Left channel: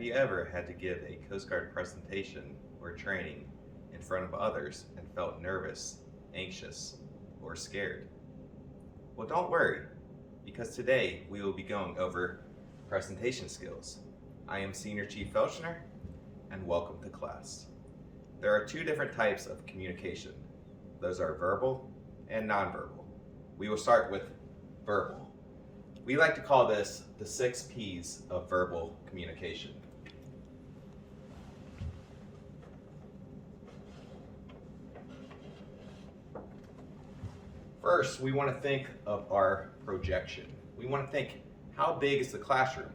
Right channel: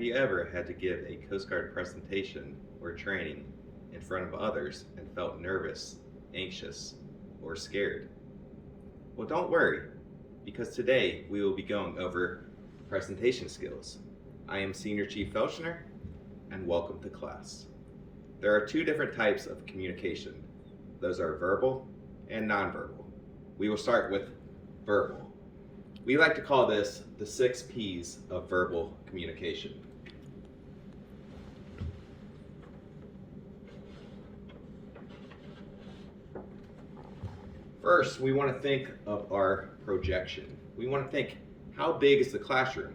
Have you ever had to give a Coast Guard presentation or training in front of others and felt nervous, anxious, or scared? Well, don't worry, because today we will be going over presentation skills. I am Senior Chief Felchner, and welcome to class. There are two different types of communication. Those are verbal and nonverbal. We will start with verbal. We like to call this the 6 P's of verbal communication. First, we want to think of our projection. We want to think, how big is the classroom?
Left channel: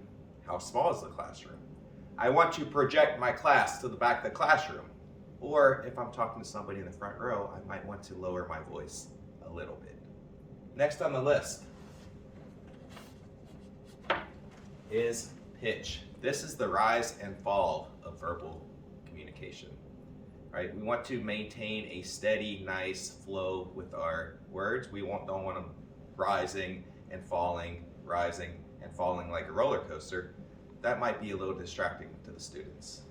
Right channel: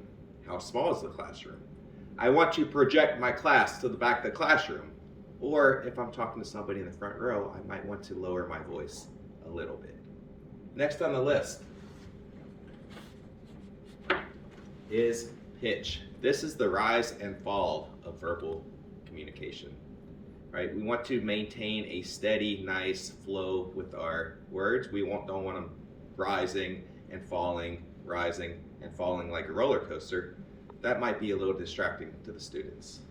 How small is the classroom? I want to project my class to the back of the classroom. Or if I'm talking to somebody in the front row, I might want to lower my voice a little bit. Next on the list is pitch. This is the rise and fall of verbal communication. Right? We want to maintain a steady, nice flow with our words. We don't want them rising and falling like a roller coaster. That might be a little distracting to the students.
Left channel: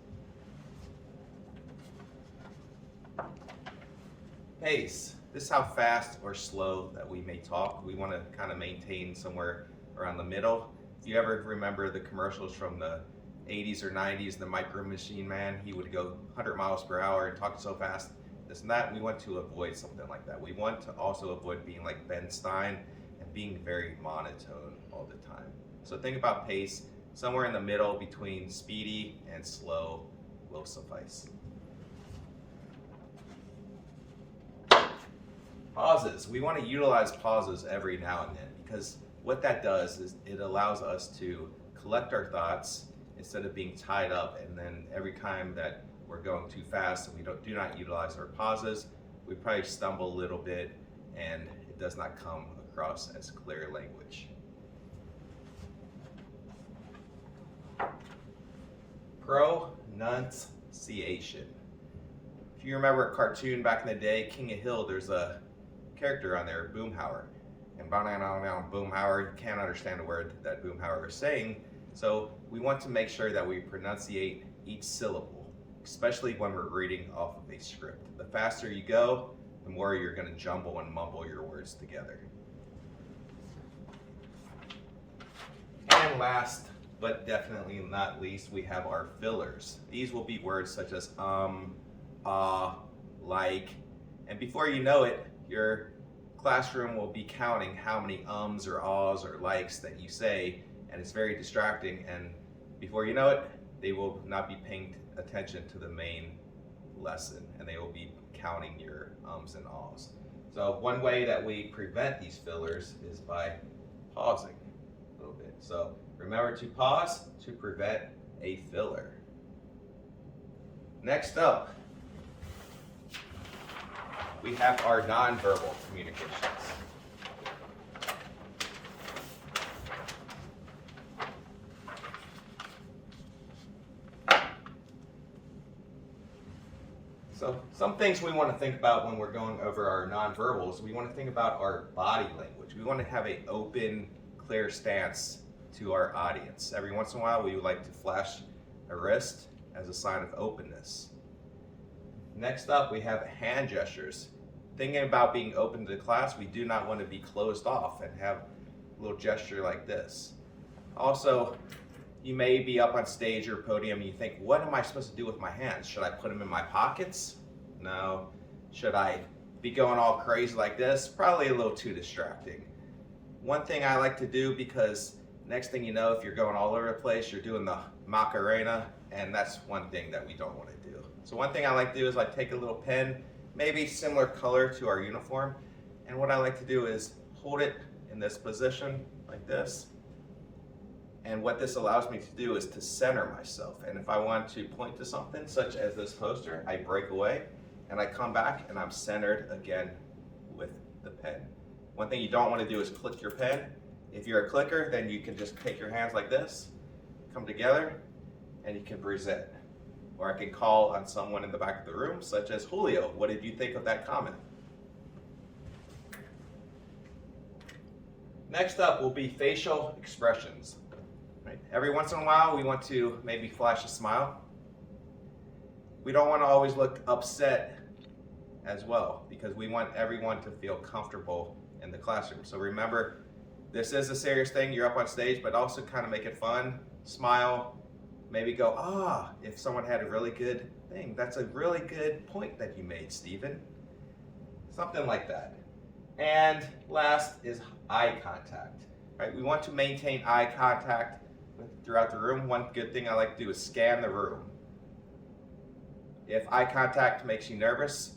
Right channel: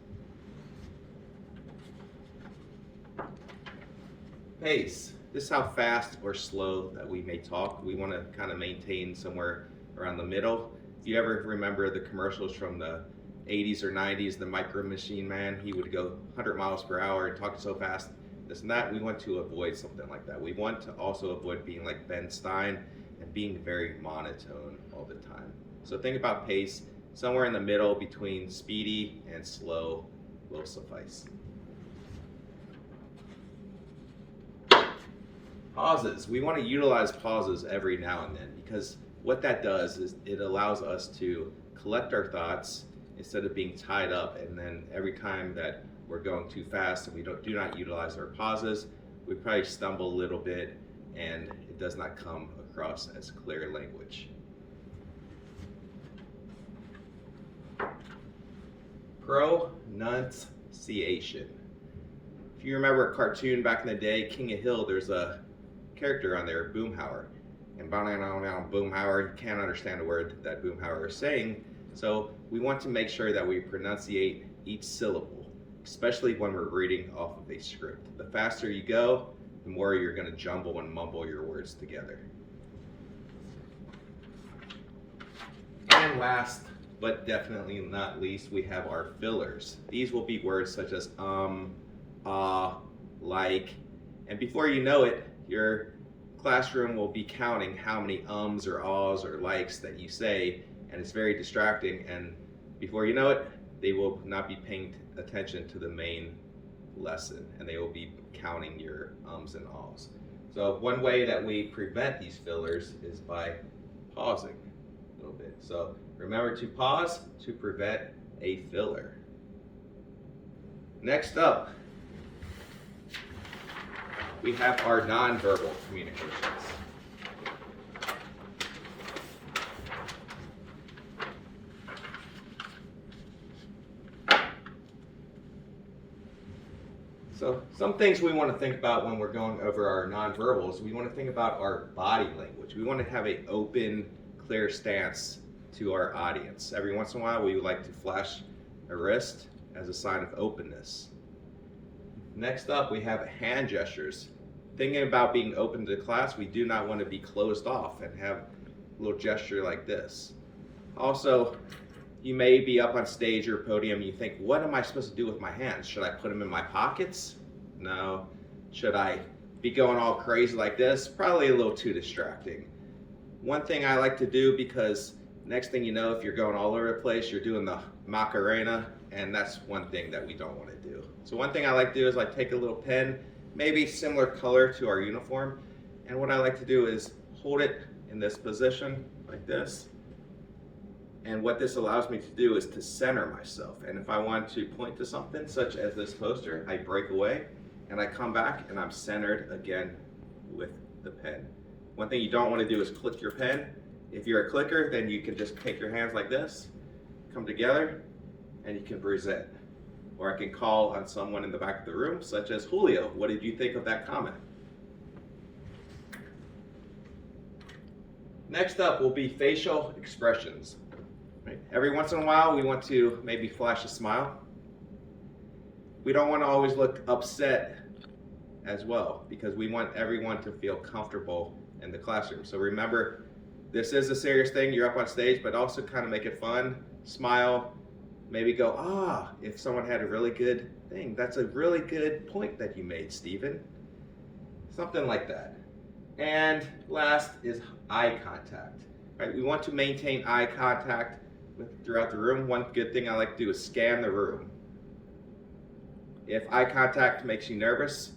Pace. This is how fast or slow that we may talk. We want to kind of maintain somewhere around the middle. If you ever remember the commercials from the 80s or 90s, the Micro Machine Man, he would go 100 miles per hour and talk so fast, this and that. We want to avoid something like that. We want to also avoid being like Ben Stein and being very monotone all the time. So think about pace. Somewhere in the middle between speedy and slow will suffice. Pauses. We want to utilize pauses every now and then, because what that does is it allows us to collect our thoughts instead of being tied up, and then every time that we're going too fast and we do not utilize our pauses, we probably stumble a little bit and it does not come across as clear language. Pronunciation. If you remember a cartoon back in the day, King of Hill, there's a character on there, Boomhauer. And Boomhauer, you can't understand a word that Boomhauer is saying. So we want to make sure that we pronunciate each syllable, especially when we're reading off of a script. The faster you go, the more you're going to jumble and mumble your words together. And last, but definitely not least, we have our fillers. These will be words such as like, and before you know it, your classroom will be counting how many ums or ahs or likes that you say, and it's very distracting, and before you know it, they will not be paying attention to the main lesson, and they will be counting your ums and ahs. So one way that we prevent these fillers is by pausing a little bit. So remember to pause to prevent a filler. Next up, we have our nonverbal communications. So some things we want to think about when we're going over our nonverbals, we want to think about our body language. We want to have an open, clear stance to our audience. Every once in a while, we would like to flash a wrist as a sign of openness. Next up, we have hand gestures. Thinking about being open to the class, we do not want to be closed off and have a little gesture like this. Also, you may be up on stage or podium and you think, what am I supposed to do with my hands? Should I put them in my pockets? No. Should I be going all crazy like this? Probably a little too distracting. One thing I like to do, because next thing you know, if you're going all over the place, you're doing the Macarena, and that's one thing that we don't want to do. So one thing I like to do is like take a little pen, maybe similar color to our uniform, and what I like to do is hold it in this position like this, and what this allows me to do is to center myself. And if I want to point to something such as this poster, I break away and I come back and I'm centered again with the pen. One thing you don't want to do is click your pen. If you're a clicker, then you can just take your hands like this, come together, and you can present. Or I can call on someone in the back of the room, such as Julio. What did you think of that comment? Next up will be facial expressions. Right? Every once in a while, we want to maybe flash a smile. We don't want to always look upset as well, because we want everyone to feel comfortable in the classroom. So remember, this is a serious thing. You're up on stage, but also kind of make it fun. Smile, maybe go, if someone had a really good thing, that's a really good point that you made, Stephen. Something like that. And last is eye contact. Right? We want to maintain eye contact throughout the room. One good thing I like to do is scan the room. If eye contact makes you nervous,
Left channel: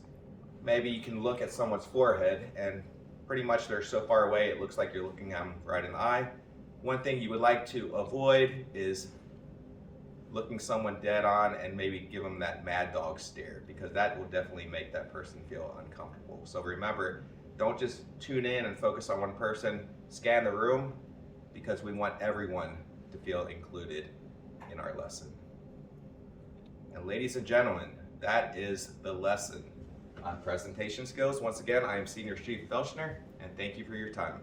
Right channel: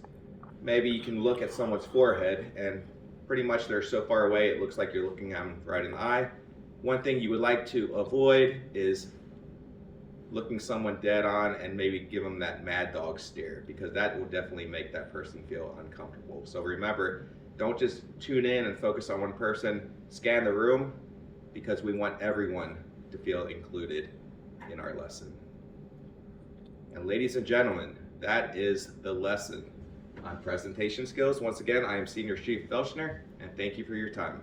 maybe you can look at someone's forehead, and pretty much they're so far away it looks like you're looking at them right in the eye. One thing you would like to avoid is looking someone dead on and maybe give them that mad dog stare, because that will definitely make that person feel uncomfortable. So remember, don't just tune in and focus on one person. Scan the room, because we want everyone to feel included in our lesson. And ladies and gentlemen, that is the lesson on presentation skills. Once again, I am Senior Chief Felshner, and thank you for your time.